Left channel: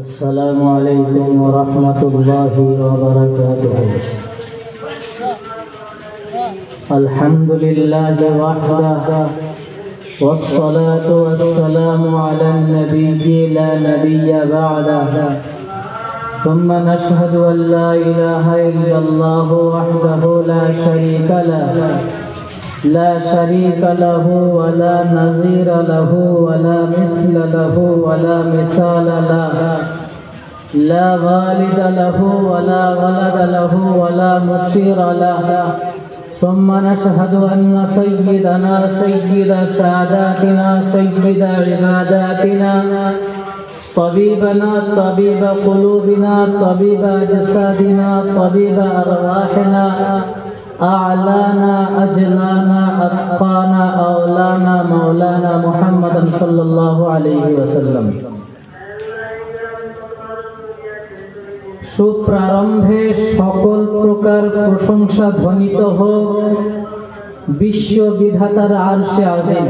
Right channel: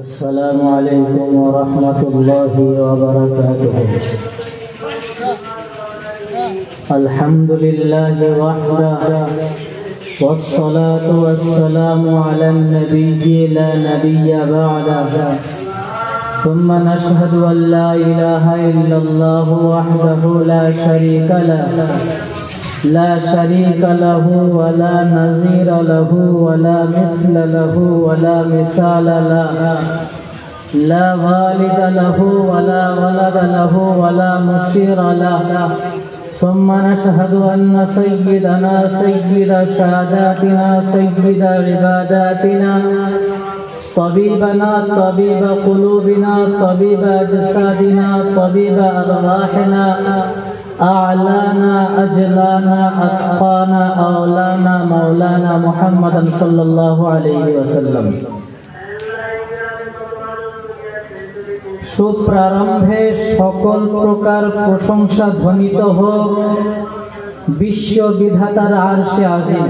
السلام عليكم ورحمة الله وبركاته. الحمد لله وحده والصلاة والسلام على النبي لا نبي بعده ثم نشهد أن لا إله إلا الله وحده لا شريك له ولا نظير له ولا مثل له ولا مثال له لا والد له ولا ولد له ولا مشير له ثم نشهد أن سيدنا سيد ساداتنا سيد عباداتنا طبيبنا طبيب قلوبنا طبيب أجسادنا طبيب أرواحنا أعلانا أجلانا أتقانا أولانا مولانا محمد صلى الله عليه وسلم. সুপ্রারম্ভে সকল প্রকার প্রশংসা ধ্বনিত হোক বিশ্ববিধাতার আরশে আজিম।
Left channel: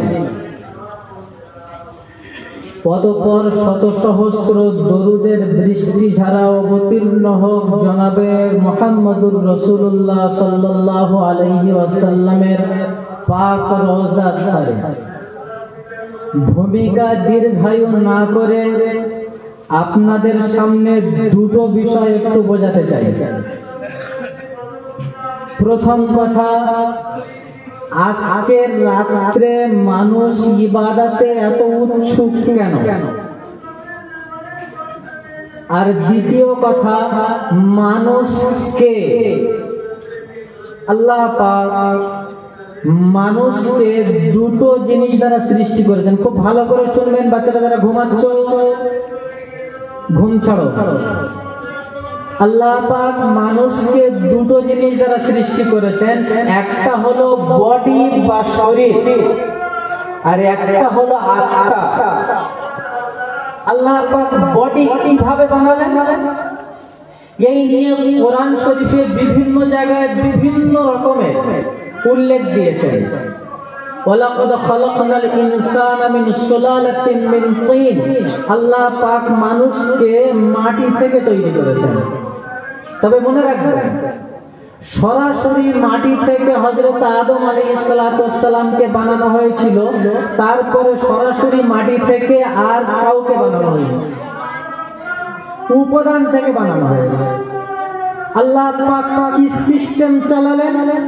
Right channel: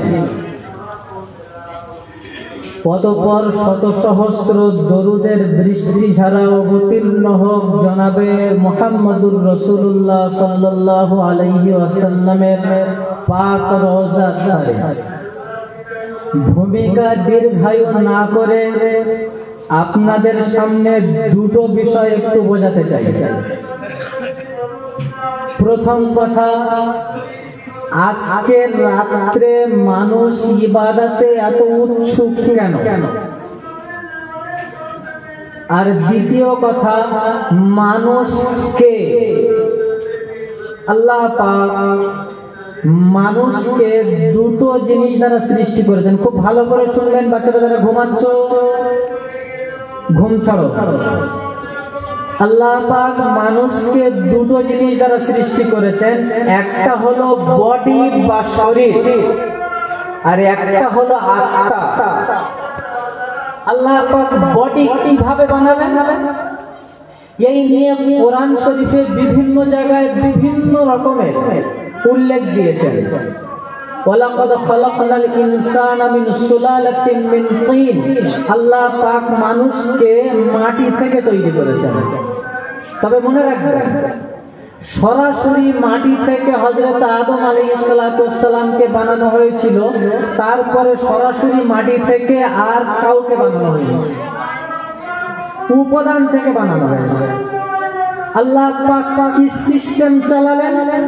অতঃপর শত সহস্র দরুদের বৃষ্টি ঝাড়া অবতীর্ণ হোক জনাবে মুহাম্মদুর রাসূলুল্লাহ সাল্লাল্লাহু আলাইহি ওয়াসাল্লামের পাক রওজা ধারে। ভূমিকা দীর্ঘায়ু না করে আপনাদের সামনে দুটো বিষয় একটু বোঝাতে চাই। প্রথম কথা, আজকের রাত্রে মানুষ ইবাদতে এত উৎসুক কেন? আর দ্বিতীয় কথা, মানুষকে আল্লাহ পাক মানুষকে দুটো জিনিস দ্বারা সৃষ্টি করেছেন। খুব ভালো করে শুনবেন বাচ্চারা, যারা ঘুমাচ্ছ ঘুম ছাড়ো। আল্লাহ পাক মানুষকে দুটো জিনিস দ্বারা সৃষ্টি করেছেন। একটা হলো বডি বা শরীর, আর একটা হলো আত্মা। আল্লাহ পাক বডি কিভাবে বানালেন এই নিয়ে কোরআন শরীফে বিভিন্ন জায়গায় বিভিন্ন রকমের উল্লেখ দিয়েছেন। ওয়ালাকাদ খালাকনাল ইনসানা মিন সুলালাতিন মিন তিন। আল্লাহ পাক মানুষকে মাটি থেকে তৈরি করেছেন। তবে মনে রাখবেন, সরাসরি মাটি থেকে হযরত আদম আলাইহিস সালাতু ওয়াস সালামকে বানানো হয়েছিল, তারপরে সরাসরি মাটি থেকে আর কাউকে বানানো হয়নি, উপাদান থেকে বানানো হয়েছে। আল্লাহ পাক কি সিস্টেম চালালেন?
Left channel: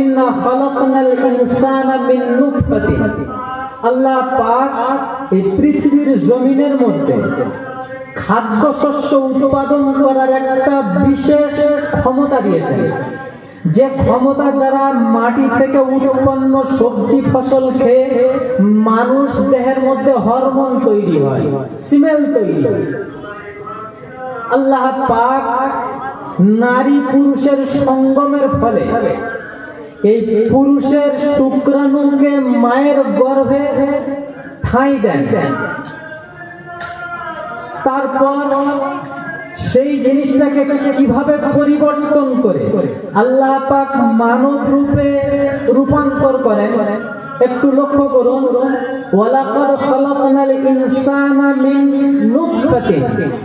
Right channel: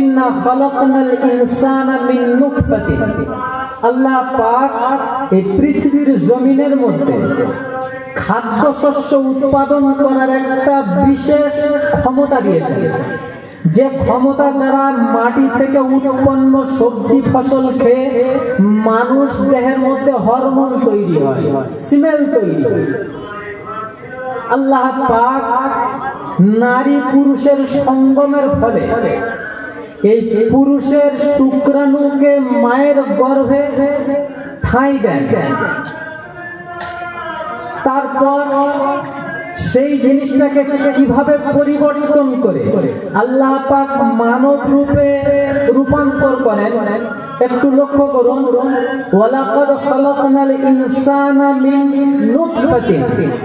ইন্না খালাকনাল ইনসানা মিন নুতফাতিন। আল্লাহ পাক এই পৃথিবীর জমিনের মধ্যে খাদ্যশস্য উৎপাদন করার একটা বিশেষ ক্ষমতা দিয়েছেন, যে ক্ষমতার দ্বারা মাটি থেকে উৎপন্ন সবজি ফসল খেয়ে মানুষ দেহের মধ্যে হরমোন তৈরি হয়, স্মেল তৈরি হয়। আল্লাহ পাক নারী পুরুষের সঙ্গমের ফলে এই পুরুষের শুক্রাণুকে মায়ের গর্ভে ঠাঁই দেন। তারপর সেই জিনিসটাকে কিভাবে পরিবর্তন করে আল্লাহ পাক মানব রূপে রূপান্তর করেন একটু লক্ষ্য করুন। ওয়ালাকাদ খালাকনাল ইনসানা মিন নুতফাতিন।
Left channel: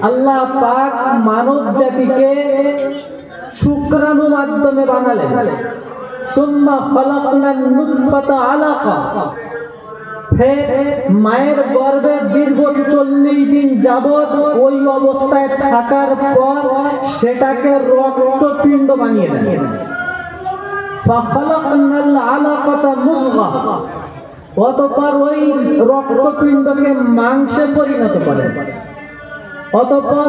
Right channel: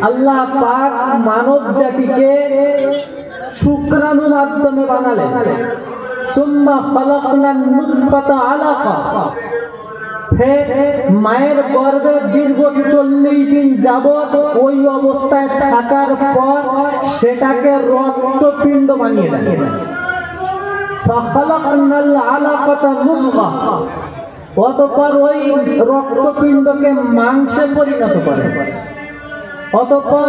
আল্লাহ পাক মানব জাতিকে শুক্রাণুর মাধ্যমে বানালেন। সুম্মা খালাকনান নুতফাতা আলাকা। ফের মায়ের গর্ভে দীর্ঘ 40 দিন যাবত ওই অবস্থায় থাকার পর সেটাকে রক্তপিণ্ড বানিয়ে দেন। ফাখালাকনাল আলাকাতা মুযগা। অতঃপর ওই রক্তপিণ্ডকে মাংসে পরিণত করেন। অতঃপর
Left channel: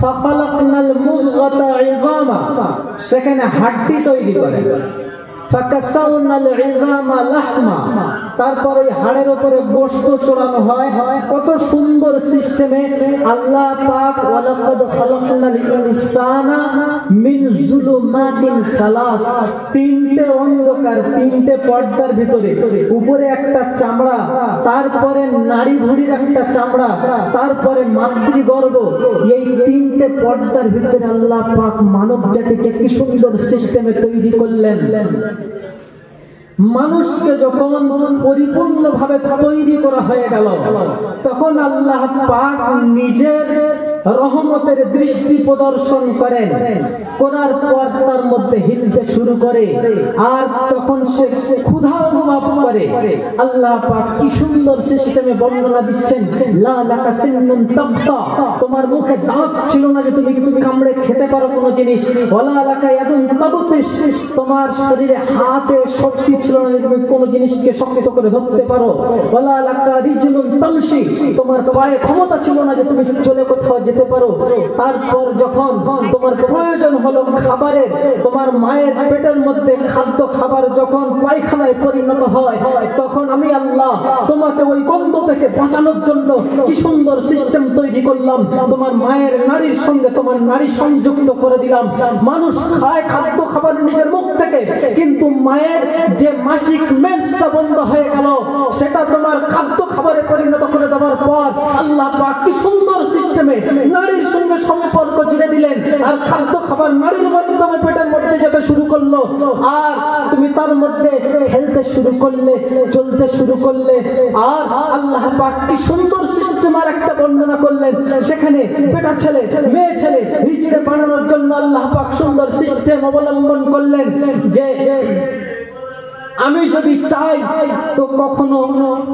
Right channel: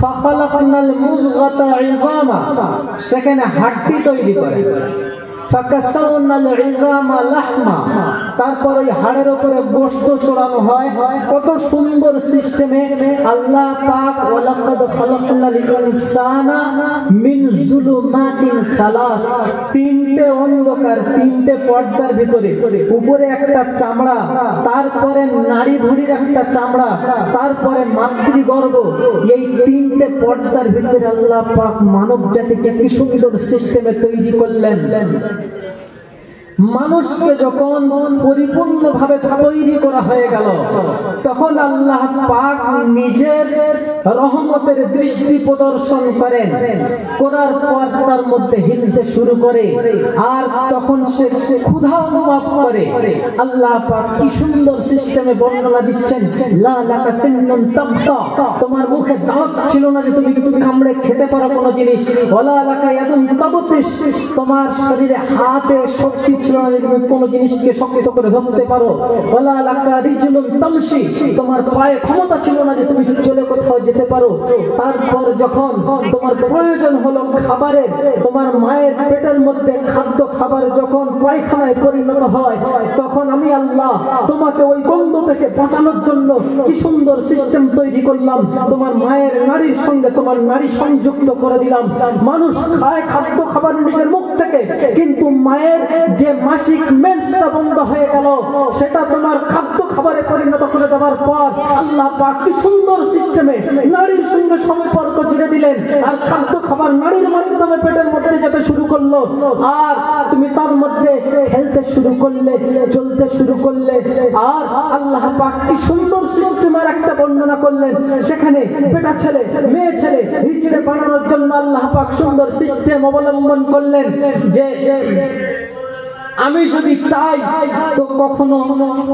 ফাখালাকনাল মুযগাতা ইযামা। সেখানে হাড্ডি তৈরি করে। ফাকাসাউনাল ইযামা লাহমা। তারপর ওই হাড়ের উপরে গোশত চড়ানো হয়। কত সুন্দর সিস্টেমে আল্লাহ পাক ওয়ালাকাদ খালাকনাল ইনসানা মিন যুলুমাতিন সালাস। তিনটে অন্ধকার, তিনটে পর্দার ভিতরে, উপরে একটা চামড়া, তারপরে নাড়ি ভুঁড়ির একটা চামড়া, তারপরে মাতৃগর্ভ। এই তিনটে পর্দার ভিতরে আল্লাহ পাক মানব জাতিকে কি সুন্দর সিস্টেমে তৈরি করলেন। মানুষকে যখন পরিপূর্ণভাবে তৈরি করা হয়ে গেল, তখন আল্লাহ পাক নিজের রহমতের দৃষ্টি প্রদর্শন করেন, করার পর তার মধ্যে হিলতে শুরু করে, আর তখন সে ক্ষুধা অনুভব করে। আল্লাহ পাক কি সুন্দর সিস্টেমে বর্ণনা দিচ্ছেন, লা লাকা সিন্নুন তাবতা, তোমার মুখে দাঁত ছিল না যে তুমি কামড়ে খেতে পারো কোনো জিনিস, ওয়ালা লাকা ইয়াদুন তাবতিস, তোমার শরীরে হাতে শক্তি ছিল না যে তুমি কোনো জিনিসকে শক্ত করে ধরতে পারো, ওয়ালা লাকা রিজলুন তামশি, তোমার পায়ে ক্ষমতা ছিল না যে তুমি চলে কোথাও যেতে পারো। তারপর যখন তোমার প্রয়োজন হলো খাবারের, তোমার মায়ের পেটের মধ্যে খাদ্য খাবার যখন পায়খানায় পরিণত হয়, তখন আমি আল্লাহ তোমাকে ওই গন্ধ থেকে বাঁচানোর জন্য কি সুন্দর সিস্টেম তৈরি করলাম, তোমার মায়ের নারীর সঙ্গে তোমার নারী সংযুক্ত করে দিলাম। মানুষ খায় খাদ্য খাবার নিজের মুখ থেকে, কিন্তু মায়ের যে মাসিক মেন্সটা বন্ধ হয়ে গেল, সেটা তোমার খাদ্য খাবারে পরিণত করে দেওয়ার পর আল্লাহ পাক কি সুন্দর সিস্টেমে নারীর সঙ্গে সম্পর্ক জুড়ে দিলেন, আর খাদ্য খাবার নারীর মাধ্যমে পেটের মধ্যে যেতে শুরু করলো, আর তুমি তার মধ্যে খেলতে শুরু করলে, চলতে শুরু করলে। আর আল্লাহ পাক কি সুন্দর সিস্টেম আর একটা বর্ণনা করলেন, সেখানে বেটা ছেলে মেয়ে ছেলে হিজড়ে বানানোর জন্য আল্লাহ পাক সুন্দর সিস্টেম অবলম্বন করলেন যে আমি যদি চাই তো কখনো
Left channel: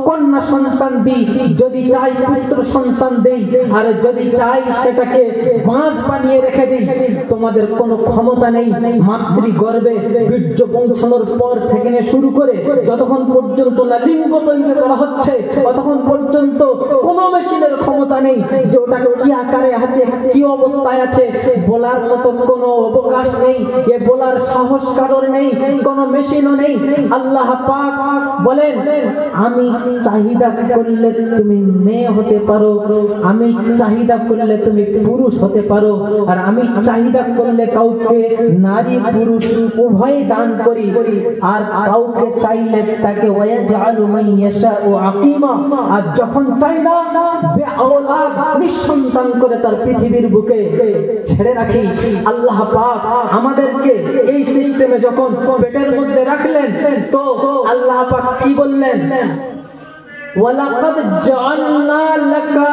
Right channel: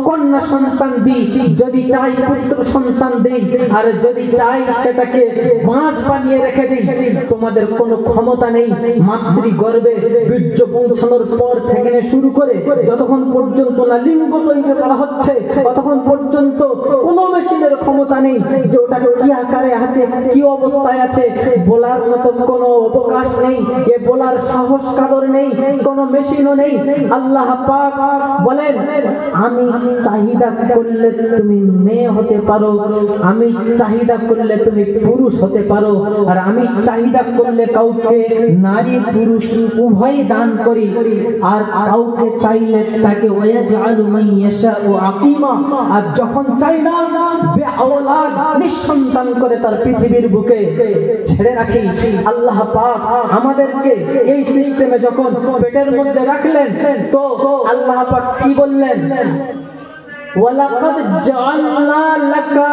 কন্যা সন্তান দিই, যদি চাই পুত্র সন্তান দিই, আর যদি চাই সেটাকে মাছ বানিয়ে রেখে দিই। তোমাদের কোনো ক্ষমতা নেই মাতৃ গর্ভে বীর্য পৌঁছানোর পর থেকে শুরু করে যতক্ষণ পর্যন্ত না লিঙ্গ তৈরি করা হচ্ছে, ততক্ষণ পর্যন্ত কোনো মেশিনের ক্ষমতা নেই যে ওটা কি আকারে আছে, কি অবস্থায় আছে, বলার মতো কোনো অবকাশ নেই, এ বলার সাহস কাদর নেই, কোনো মেশিনও নেই। আল্লাহ পাক বলেন, আমি চাহিদা করলে তুমি মেয়ে হতে পারো, আমি চাহিদা করলে তুমি পুরুষ হতে পারো, আর আমি চাহিদা করলে কাউকে নারী পুরুষ উভয় দান করি, আর কাউকে চাইলে তাকে ওয়াজআলু মান ইয়াশাউ আকিমা, আর যখন চাই না বেআওলাদ নিঃসন্তান করে তার পৃথিবীর বুকে ছেড়ে রাখি। আল্লাহ পাক আমাদেরকে এই সিস্টেমে যখন পেটের মধ্যে রাখলেন, তো আল্লাহ পাক কি বললেন, ওয়ালাকাদ জাআলনা লাকা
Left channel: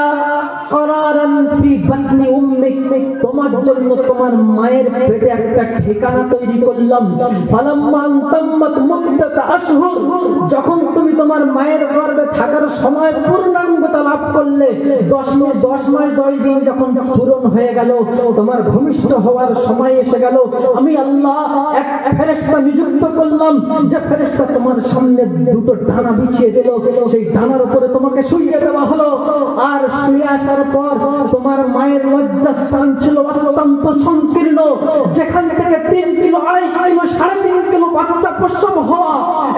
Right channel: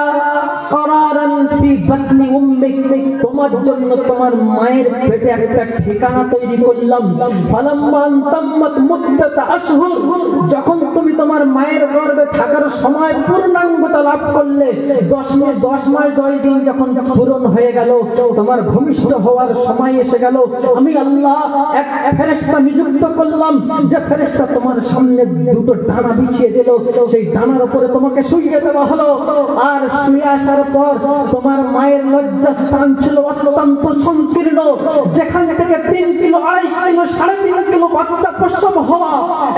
করারান ফি বাতনি উম্মিক, তোমার জন্য তোমার মায়ের পেটে একটা ঠিকানা তৈরি করলাম। ফালাম্মা তাম্মাত মুদ্দাতা আশহুর, যখন তুমি তোমার মায়ের গর্ভে থাকার সময় পূর্ণাঙ্গতা লাভ করলে, 10 মাস 10 দিন যখন পূরণ হয়ে গেল, তোমার ভূমিষ্ঠ হওয়ার সময় এসে গেল, আমি আল্লাহ এক ফেরেশতা নিযুক্ত করলাম, যে ফেরেশতা তোমার সামনে দুটো ডানা বিছিয়ে দিল, সেই ডানার উপরে তোমাকে শুইয়ে দেওয়া হলো। আর শুয়ে আসার পর তোমার মায়ের লজ্জাস্থান ছিল অত্যন্ত সংকীর্ণ, যেখান থেকে 3 কিলো 2.5 কিলো 3.5 কিলো বাচ্চা প্রসব হওয়া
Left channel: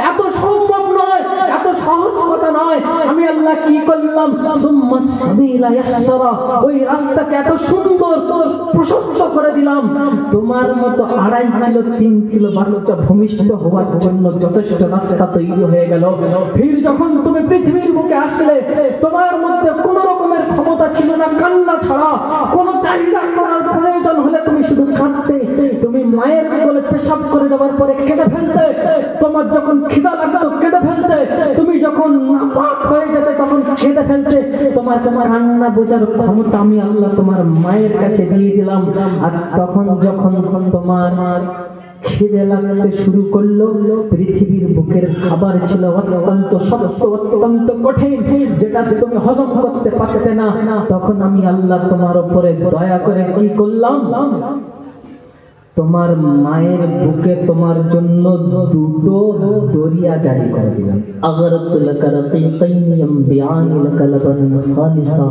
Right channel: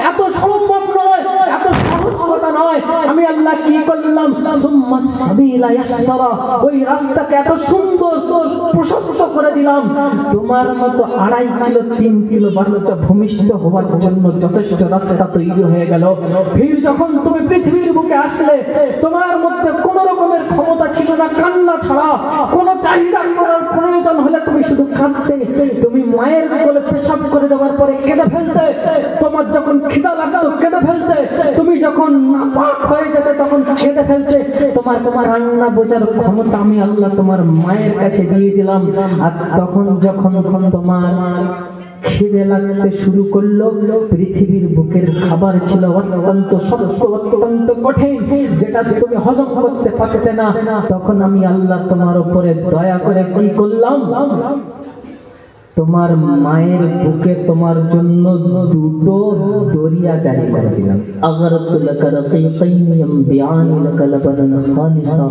এত সম্ভব নয়, এত সহজ কথা নয়। আমি আল্লাহ কি করলাম, সুম্মা সাবিলা ইয়াসরা, ওই রাস্তাকে এত সুন্দর প্রশস্ত করে দিলাম, তোমার মতো 2.5 কিলো 3 কিলো বাচ্চা ভূমিষ্ঠ হওয়ার জন্য যথেষ্ট রাস্তা তৈরি হয়ে গেল। ফির যখন তুমি পৃথিবীর বুকে আসলে, তোমার মধ্যে কোন রকমের ক্ষমতা ছিল না কান্না ছাড়া, কোন চাহিদা করার প্রয়োজন হলে তুমি শুধু কাঁদতে, তুমি মায়ের কোলে পেশাব করে দেওয়ার পরে কেঁদে ফেলতে, তোমার যখন খিদা লাগতো কেঁদে ফেলতে, তুমি যখন নাপাক হয়ে যেতে তখন কেঁদে ফেলতে, তোমার কান্না বোঝার ক্ষমতা আমি আল্লাহ তোমার মায়ের কাছে দিয়ে দিলাম। আর তখন যখন তোমার খিদে লাগতে শুরু করলো, পৃথিবীর বুকের খাবার ছিল অত্যন্ত শক্ত, অত্যন্ত কঠিন, যেটা তুমি হজম করতে পারতে না, তখন আমি আল্লাহ তোমার উপরে দয়া করে কি করলাম, তোমার মায়ের বুকে তোমার জন্য দুটো দরিয়া জারি করে দিলাম। আগারাতু লাকা রাকিকাইন ইয়ামবিআনি লাকা লাবানান খালিসা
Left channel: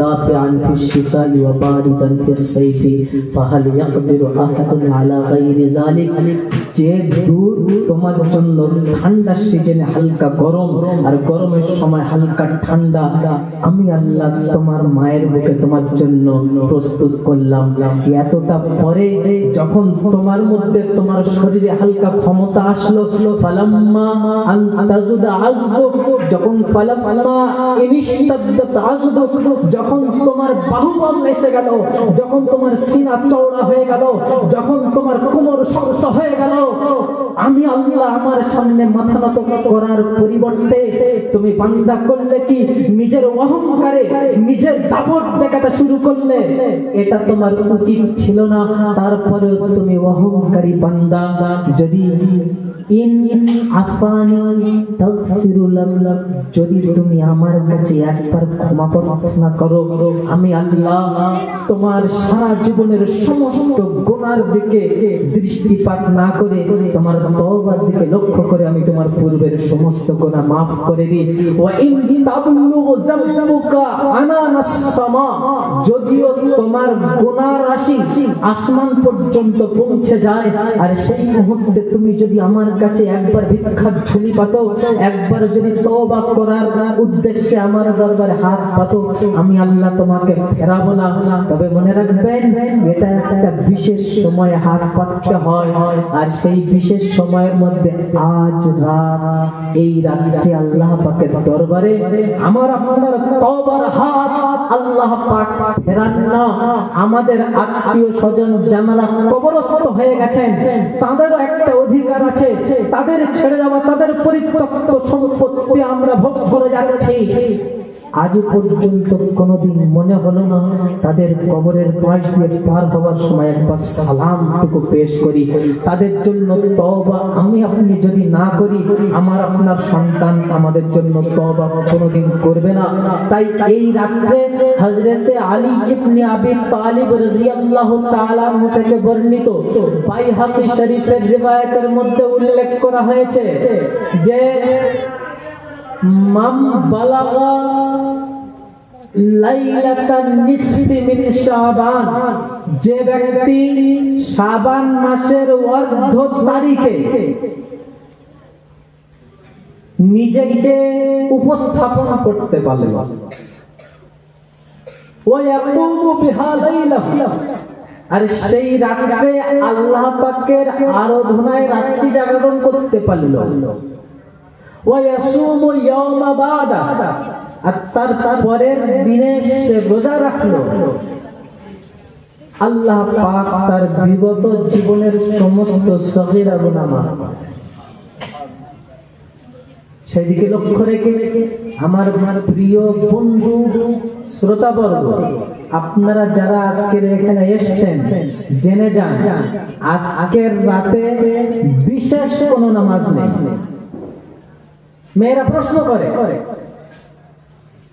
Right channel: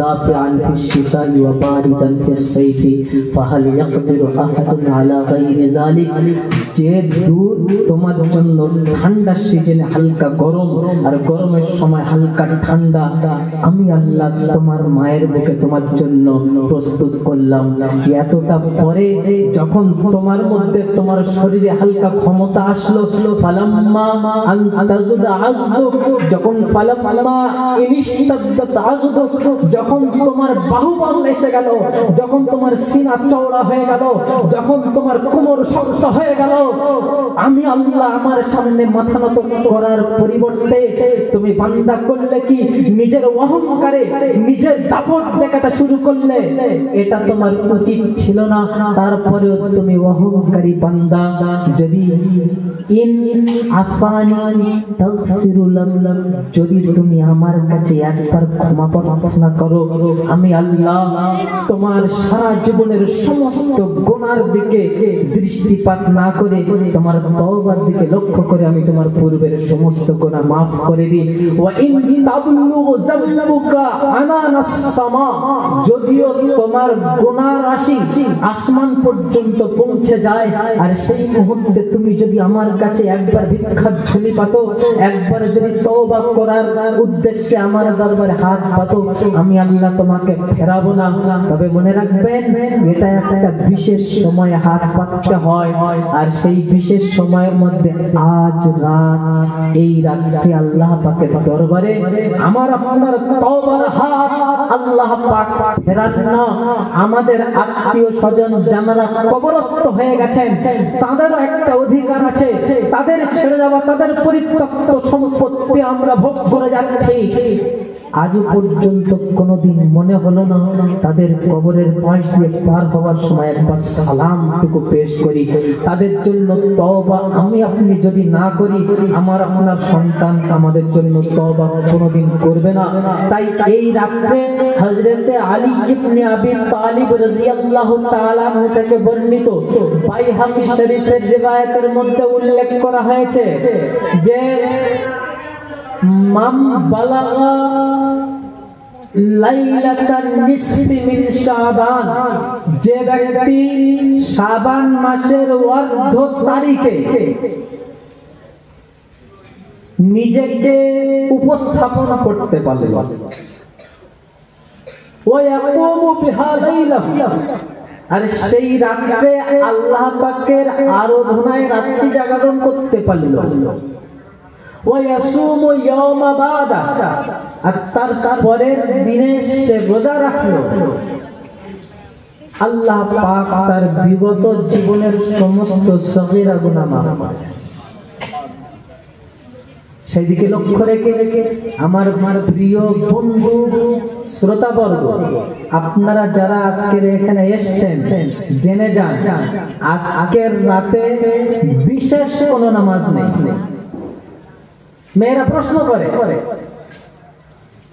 দাফিআন ফিশ শিতাই ওয়া বারিদান ফিস সাইফি ফাহাল ইয়াকদিরু আহাদুন আলা গায়রি যালিক, যে দুধ তোমার জন্য ঠান্ডা সিজনে হালকা গরম, আর গরমের সময় হালকা ঠান্ডা, আমি আল্লাহ তোমার মায়ের বুকে তোমার জন্য প্রস্তুত করলাম। এতটা পরে যখন যখন তোমার মধ্যে তোমার শরীরে হালকা ক্ষমতা আসলো, ফালাম্মা আনতাজুদা আযদুক, যখন ফালাম্মা ইনিশতাদ্দাত আযদুক, যখন তোমার বাহুবল এসে গেল, যখন তোমার সিনা চওড়া হয়ে গেল, যখন তোমার কোমর শক্ত হয়ে গেল, আমি আল্লাহ আমার সামনে মাথা নত করার পরিবর্তে তুমি বান্দা করলে কি নিজের অহংকারে নিজের দাপট দেখাতে শুরু করলে। এটা তোমার উচিত ছিল না। তারপরেও তুমি অহংকারী বান্দা। যদি যদি তুমি আমার কাছে একবার ক্ষমা প্রার্থনা করো, আমি আল্লাহ তোমার সারা জীবনের সমস্ত গুনার দিকে দৃষ্টিপাত না করে তোমার তওবার দিকে লক্ষ্য করে আমি তোমার পূর্বের সমস্ত গুনাহ মাফ করে দিই। ওয়া ইন তাবলুগু যাবুকা আনানাস সামা, যদিও তোমার গুনার রাশি আসমান পর্যন্ত পৌঁছে যায়, আর সেই মুহূর্তে তুমি যদি আমার কাছে একবার ভিক্ষার ঝুলি পাতো, একবার যদি তওবা করার উদ্দেশ্যে আমার দরবারে হাত পাতো, আমি আল্লাহ তোমাকে ফেরাবো না। তবে মনে রাখবেন, এটা একটা বিশেষ সময়ে হাত পাততে হয়, আর সেই বিশেষ সময়ের মধ্যে আজ রাত, এই রাতটি আল্লাহ পাকের দরবারে আমার আপনার তওবার হাত আল্লাহ পাক ফেরান না। আমাদের আত্মীয় স্বজন যারা কবরস্থ হয়ে গেছেন, তাদেরও একটা অধিকার আছে। তাদের ছেড়ে যাওয়া, তাদের পরিত্যক্ত সম্পত্তি আমরা ভোগ করে যাচ্ছি। আজও পর্যন্ত কোনোদিন মনে হলো না তাদের কবরের পাশ দিয়ে পার হওয়ার সময় একবার সালামটুকু পেশ করি। তাদের জন্য তওবা আমি আপনি যদি না করি, আমার আপনার সন্তান আমাদের জন্য তওবা কোনোদিন করবে না। তাই এই রাতে হযরত আলী ইবনে আবি তালিব রাদিয়াল্লাহু তাআলা আনহু থেকে বর্ণিত বাইহাকী শরীফের রিওয়ায়াতের মধ্যে উল্লেখ করা হয়েছে যে মান বালাগা লাইলাতান নিসফি মিন শাবান, যে ব্যক্তি শাবান মাসের অর্ধ তারিখে নিজেকে উপস্থাপন করতে পারলে, ওয়া ইয়াকুমু বিহা লাইলা, আর সেই রাতে আল্লাহ পাকের আরাধনায় রাত্রি জাগরণ করতে পারল, ওয়ায়াসুমু ইয়াওমা বাদা, আর তারপরের দিনে সে রোজা রাখলো, আল্লাহ পাক তার বিগত জীবনের সমস্ত সগীরা গুনাহ মাফ করে। সেদিকে লক্ষ্য রেখে আমার প্রিয় বন্ধু শ্রোতাবর্গ, আপনারা যারা আজকের এখানে এসেছেন, জেনে যান আজকের রাতে বিশেষ কোনো নামাজ নেই। মেয়েরা প্রশ্ন করে,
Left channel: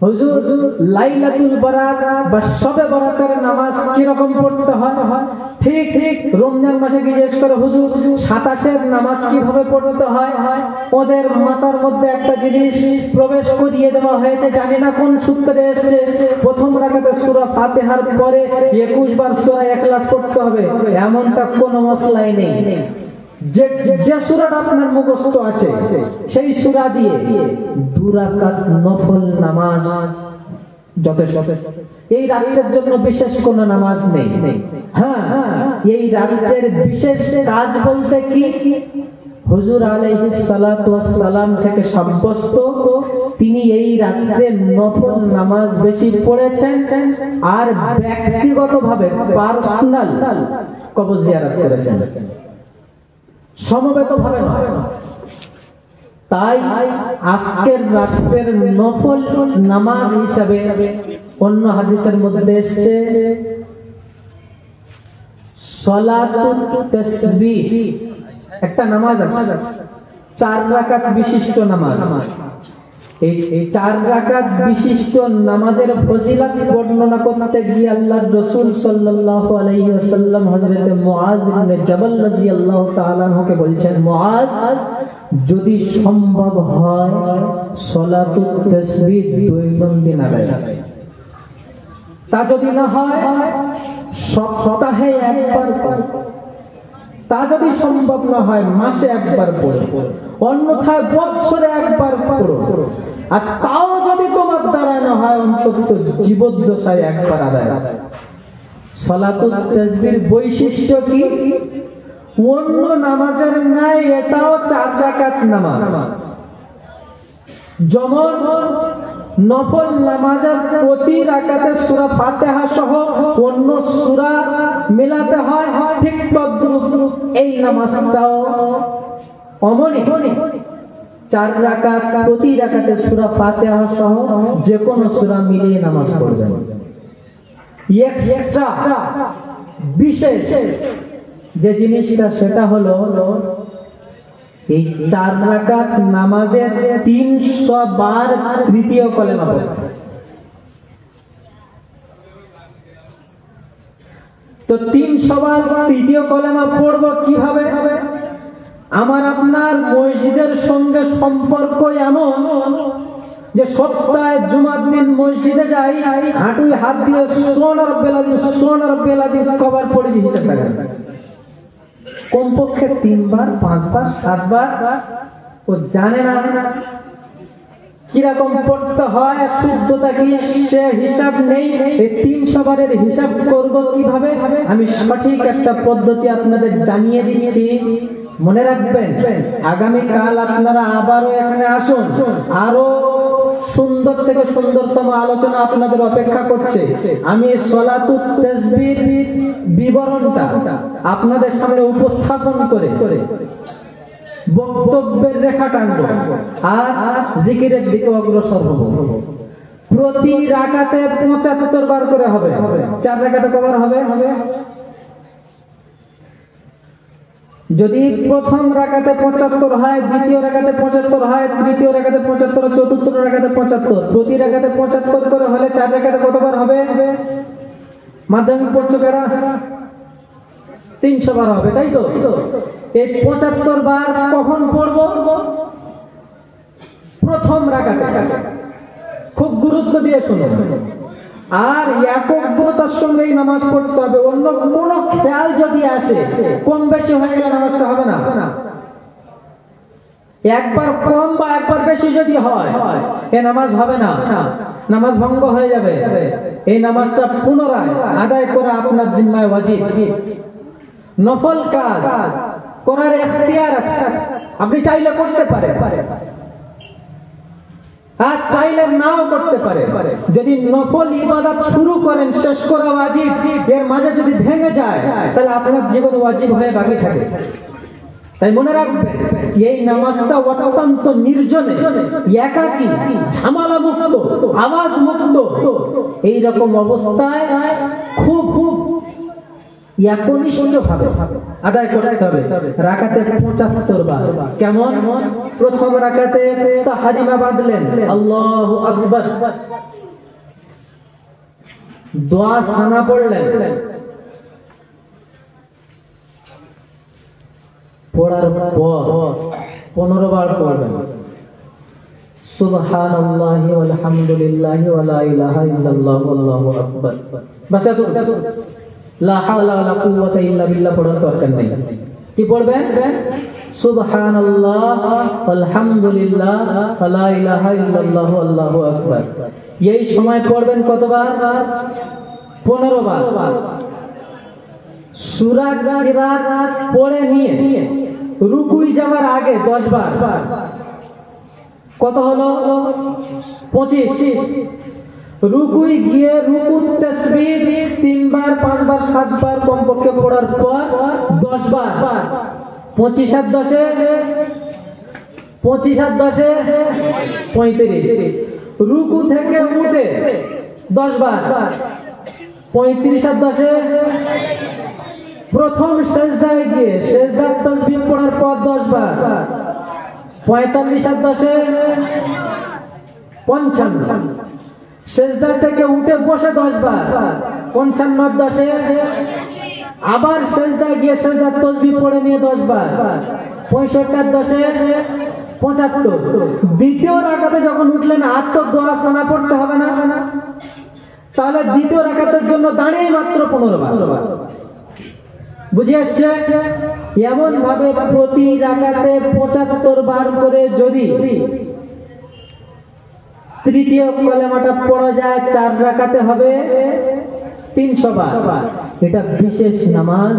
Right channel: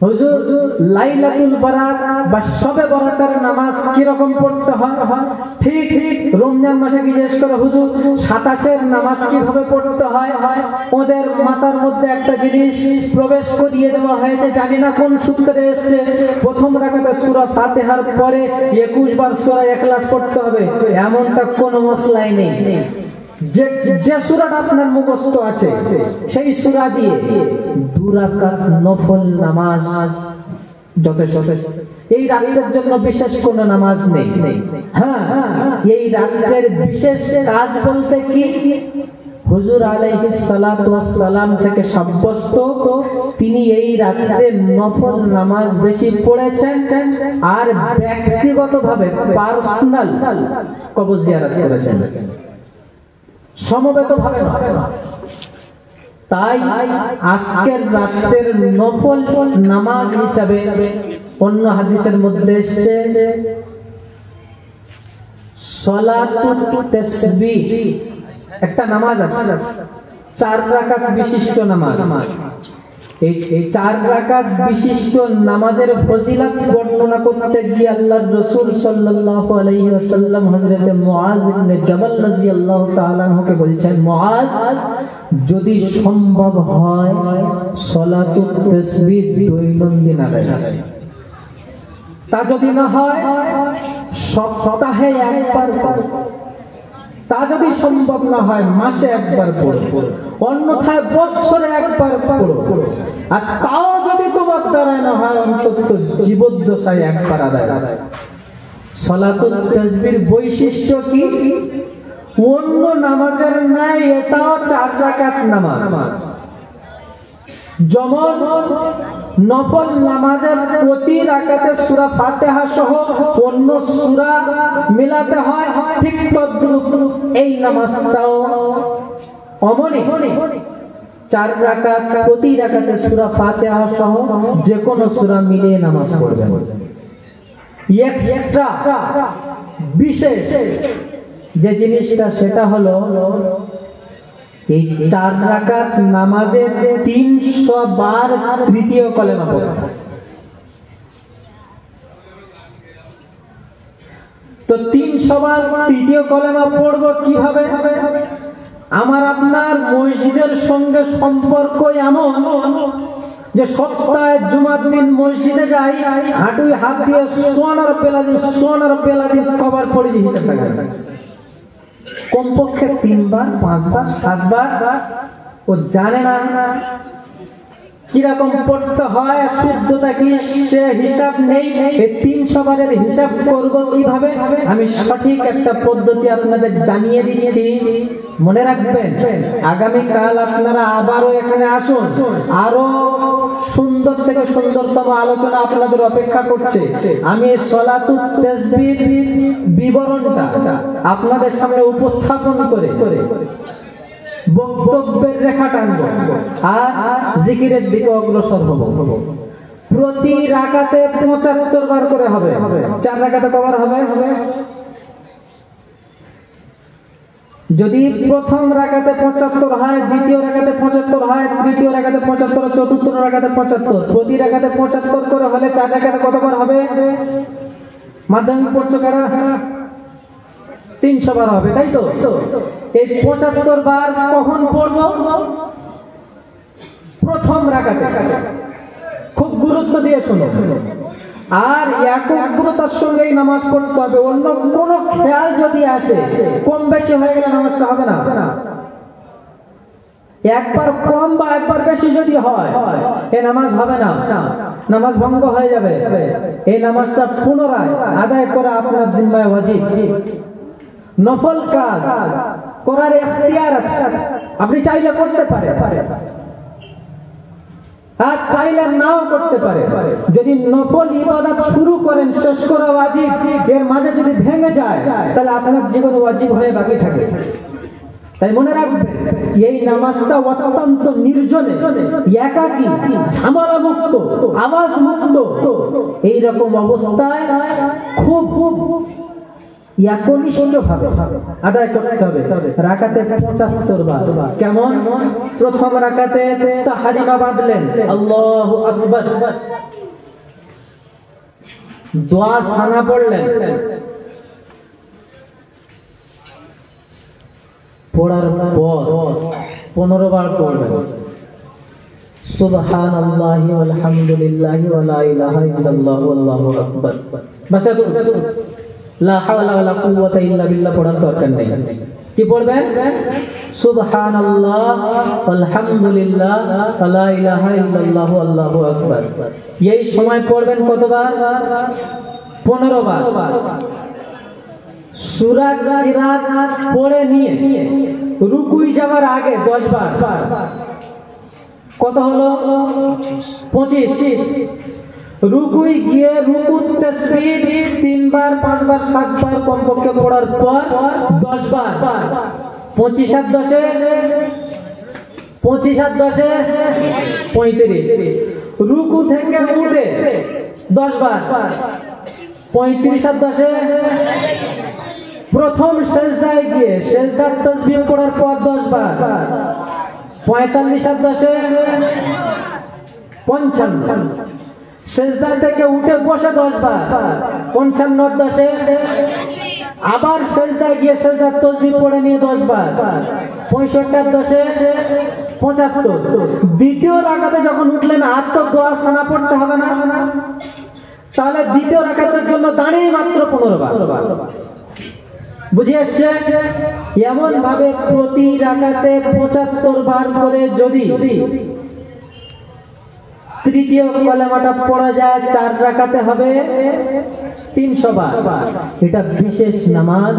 হুজুর লাইলাতুল বারাত বা শবে বরাতের নামাজ কি রকম পড়তে হয়? ঠিক রমজান মাসে জিজ্ঞেস করে, হুজুর 27-এর নামাজ কিভাবে পড়তে হয়? ওদের মাথার মধ্যে একটা জিনিস প্রবেশ করিয়ে দেওয়া হয়েছে, জানি না কোন সূত্রে এসেছে, প্রথম রাকাতে সূরা ফাতিহার পরে 21 বার সূরা ইখলাস পড়তে হবে, এমনটা কোনো মসলাই নেই। যে সূরাটা আপনার মুখস্থ আছে সেই সূরা দিয়ে 2 রাকাত নফল নামাজ যথেষ্ট। এই রাতের জন্য বিশেষ কোনো নামাজ নেই। হ্যাঁ, এই রাতের বিশেষ কাজ বলতে কি, হুজুর আলাইহিস সালাতু ওয়াস সালাম থেকে সাব্যস্ত তিনি এই রাতে নফল নামাজ বেশি পড়েছেন, আর ব্যক্তিগতভাবে পার্সোনাল কবর জিয়ারত করেছেন, সমবেত ভাবে না। তাই আজকের রাতের নফল নামাজ হিসাবে অন্য হাদিসের মধ্যে এসেছে সালাতুত তাসবিহ, একটা নামাজ আছে 4 রাকাত বিশিষ্ট নামাজ। এই 4 রাকাত বিশিষ্ট নামাজের ফজিলত বর্ণনা করতে গিয়ে আল্লাহর রাসূল সাল্লাল্লাহু আলাইহি ওয়াসাল্লাম হযরত মুআজ ইবনে জাবাল রাদিয়াল্লাহু তাআলা আনহুকে বলছেন, মুআজ যদি সম্ভব হয় সালাতুত তাসবিহ দৈনন্দিন আদায়, তা যদি না হয় সপ্তাহে একবার পড়ো, তা যদি সম্ভব না হয় মাসে একবার পড়ো, অন্যথায় বছরে একবার পড়ো, আর তাও যদি তোমার দ্বারা না হয় অন্তত জীবদ্দশায় একবার আদায়। সালাতুত তাসবির বৈশিষ্ট্য কি? অন্য নামাজের ন্যায় এটাও 4 রাকাত নামাজ। যেমন নফল নামাজের প্রতি রাকাতে সূরা ফাতিহা সহ অন্য সূরা মিলাতে হয়, ঠিক তদ্রূপ এই নামাজটাও অমনি 4 রাকাত, প্রতি রাকাতে সূরা ফাতিহা সহ যে কোনো সূরা মিলিয়ে নামাজ পড়বেন। এক্সট্রা বিশেষ যে জিনিসটা সেটা হলো এই 4 রাকাত নামাজে 300 বার তৃতীয় কলেমা পড়তে। তো 300 বার তৃতীয় কলেমা পড়বো কিভাবে? আমার আপনার মসজিদের সঙ্গে সম্পর্ক এমন যে সপ্তাহে জুমার দিন মসজিদে যাই, হাঁটুই হাত দিয়ে সুবহান রাব্বিল আযীম কবার পড়েছি হিসাব থাকে না। কমপক্ষে 3 বার, 5 বার, 7 বার। ও জানে না কিরকম পড়তে হয়, শুদ্ধতা কি সে হিসাব নেই। এই 300 বারের হিসাব করব কিভাবে? আমি সঠিক একটা পদ্ধতি আপনাদের জানিয়ে দিচ্ছি, মনে রাখবেন। আগামী কাল আপনারা আবারও এখানে আসুন, আরো সুন্দর থেকে সুন্দরতম আলোচনা আপনাদের অপেক্ষা করছে। আমি সালাতুত তাসবির বিবরণটা আপনাদের সামনে উপস্থাপন করে বক্তব্যের রেখা টানবো আর জিকিরের দিকে অগ্রসর হব। প্রতি রাকাতে 75 বার করে হবে। 4 রাকাতে কবার হবে? যদি প্রথম রাকাতে 75 হয়, দ্বিতীয় রাকাতে 75 হয়, তৃতীয় রাকাতে 75, চতুর্থ রাকাতে 75, প্রতি রাকাতে 75 করে হলে 4 রাকাতে কতবার হবে? মাধ্যমিক পড়ছো কারা? 300 বার হবে, তাই তো? এই 75 বার কখন পড়বো? প্রথম রাকাতে। খুব গুরুত্ব দিয়ে শুনো। আর একাগ্রতার সঙ্গে এই নামাজ পড়তে হবে। অন্য কোনো খেয়াল যদি আসে, কম বেশি হয়ে গেলে নামাজটা হবে না। একবার কম বা একবার বেশি যদি হয়, এ নামাজ হবে না, নামাজ ভঙ্গ হয়ে যাবে। এই নামাজটা পুনরায় আদায় করা আপনার জিম্মায় ওয়াজিব। নফল কাজ করার ইখতিয়ার আছে, আপনি চাইলে করতে পারেন আর চাইলে নাও করতে পারে। যদি নফল ইবাদত শুরু করেন, শেষ করা ওয়াজিব, এর মাঝে যদি ভেঙে যায় তাহলে আপনার জীবনে ওয়াজিব হয়ে বাকি থাকে। তাই মনে রাখবেন, এই নামাজটা অত্যন্ত নির্জনে, একাকী, ঝামেলা মুক্ত, আওয়াজ মুক্ত, এইরকম অবস্থায় খুব একনিষ্ঠভাবে আদায় করতে হবে। রাকাতে 75 বার। কেমন? প্রথম রাকাতে তাহরিমা বাঁধলেন, আল্লাহু আকবার, দোয়া সানা পড়লেন, পড়ার পর 15 বার পড়বেন সুবহানাল্লাহি ওয়াল হামদুলিল্লাহি ওয়া লা ইলাহা ইল্লাল্লাহু আল্লাহু আকবার। বাস এত, লা হাওলা ওয়ালা কুওয়াতা ইল্লা বিল্লাহ পড়ার দরকার নেই। কি পড়বেন? সুবহানাল্লাহ ওয়াল হামদুলিল্লাহ ওয়া লা ইলাহা ইল্লাল্লাহু আল্লাহু আকবার। এই সময় পড়বেন কতবার? 15 বার। সূরা কিরাত পড়ে নিয়ে রুকুই যাওয়ার আগে 10 বার। কত হলো? 25। রুকুই গিয়ে রুকুর তাসবিহ 3 বার, 5 বার, 7 বার কমপক্ষে পড়ার পর 10 বার। 25 আর 10 35। রুকু থেকে উঠে 10 বার। 35 আর 10 প্রথম সিজদায় গিয়ে সিজদার তাসবিহ পড়ার পর 10 বার। 45 আর 10 55। সিজদা থেকে উঠে বসে 10 বার। 55 আর 10 আবার সিজদায় গিয়ে সিজদার তাসবিহ পড়ে নিয়ে 10 বার। 65 আর 10 75। দ্বিতীয় রাকাতে যখন উঠলেন, আর তো দোয়া সানা পড়তে হবে না, তাহলে দ্বিতীয় রাকাতের জন্য দাঁড়িয়ে মাত্র 15 বার। বুঝে আসছে? এমন ভাবে প্রতি রাকাতে 75 বার করে যদি তৃতীয় কলেমাটা পড়া যায়, 4 রাকাতে হবে 300 বার। এটা বিশেষ নামাজ।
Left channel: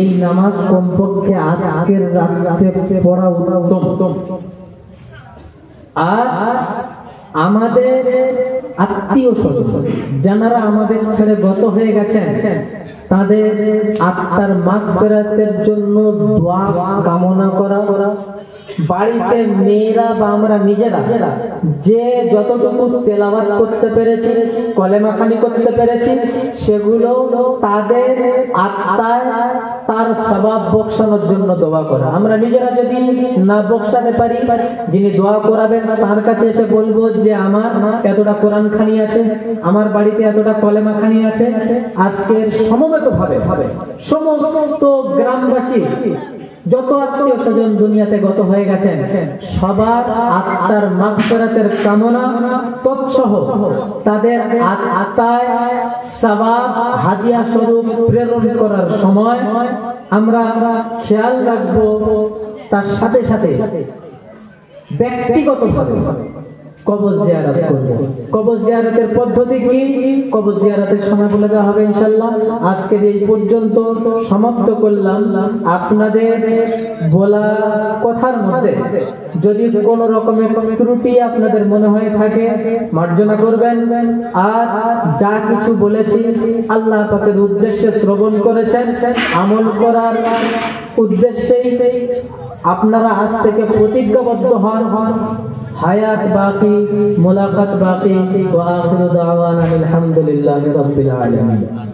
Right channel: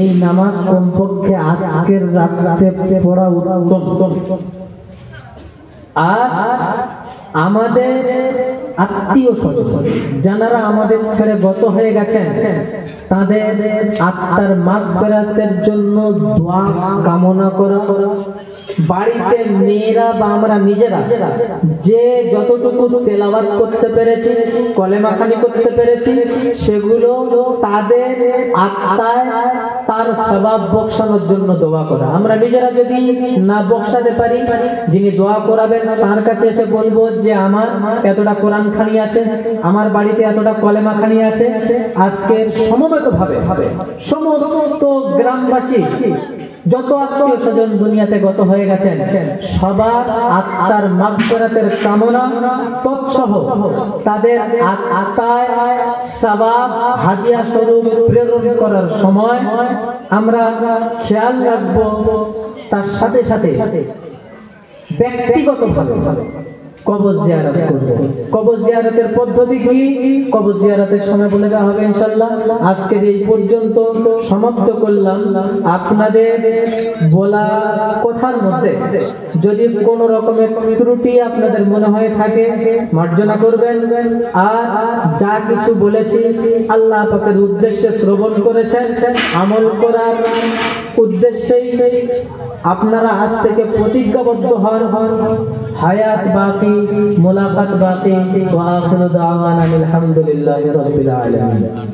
এই নামাজ কমপক্ষে আজকের রাতে পড়া উত্তম। আর আমাদের আত্মীয় স্বজন যারা আমাদের ছেড়ে গত হয়ে গেছেন, তাদের আত্মার মাগফিরাতের জন্য দোয়া কামনা করা। বাড়িতে মেয়েরা বা আমরা নিজেরা যে যতটুকু তেলাওয়াত করতে পেরেছি, কলেমা খানি করতে পেরেছি, সেগুলো তাদের আত্মায় তার সওয়াব বকশানোর জন্য দোয়া করা। আমরা নিজেরা যদি না বকশাতে পারি, যিনি দোয়া করাবেন তার কাছে এসে বলবো যে আমার এতটা কোরআন খানি আছে, আমার বাড়িতে এতটা কলেমা খানি আছে। আজকে সমবেতভাবে সমস্ত গ্রামবাসী যত আত্মীয় স্বজন দুনিয়াতে গত হয়ে গেছেন, সবার আত্মার মাগফিরাতের কামনা তৎসহ তাদের আত্মায় সওয়াব হাদিয়া স্বরূপ প্রেরণ করার সময় আমরা খেয়াল রাখবো। তার সাথে সাথে ব্যক্তিগতভাবে কবর জিয়ারত করব। কবর জিয়ারতের পদ্ধতি কি, কবর জিয়ারতের সময় বলে দেওয়া হবে ইনশাআল্লাহ। আজকের এই পর্যন্ত সমাপ্ত করলাম। আপনাদের বলা কথার মধ্যে যদি কোনো রকমের ত্রুটি আপনাদের মনে হয়ে থাকে, মার্জনা করবেন। আর যা কিছু বলেছি আল্লাহ পাকের উদ্দেশ্যে শ্রবণ করেছেন, আমল করার উদ্দেশ্যেই আপনারা আজ থেকে প্রতিজ্ঞাবদ্ধ হন। হায়াত বাকি, মুলাকাত বাকি। ওয়া আখিরু দাওয়ানা আলহামদুলিল্লাহি রাব্বিল আলামিন।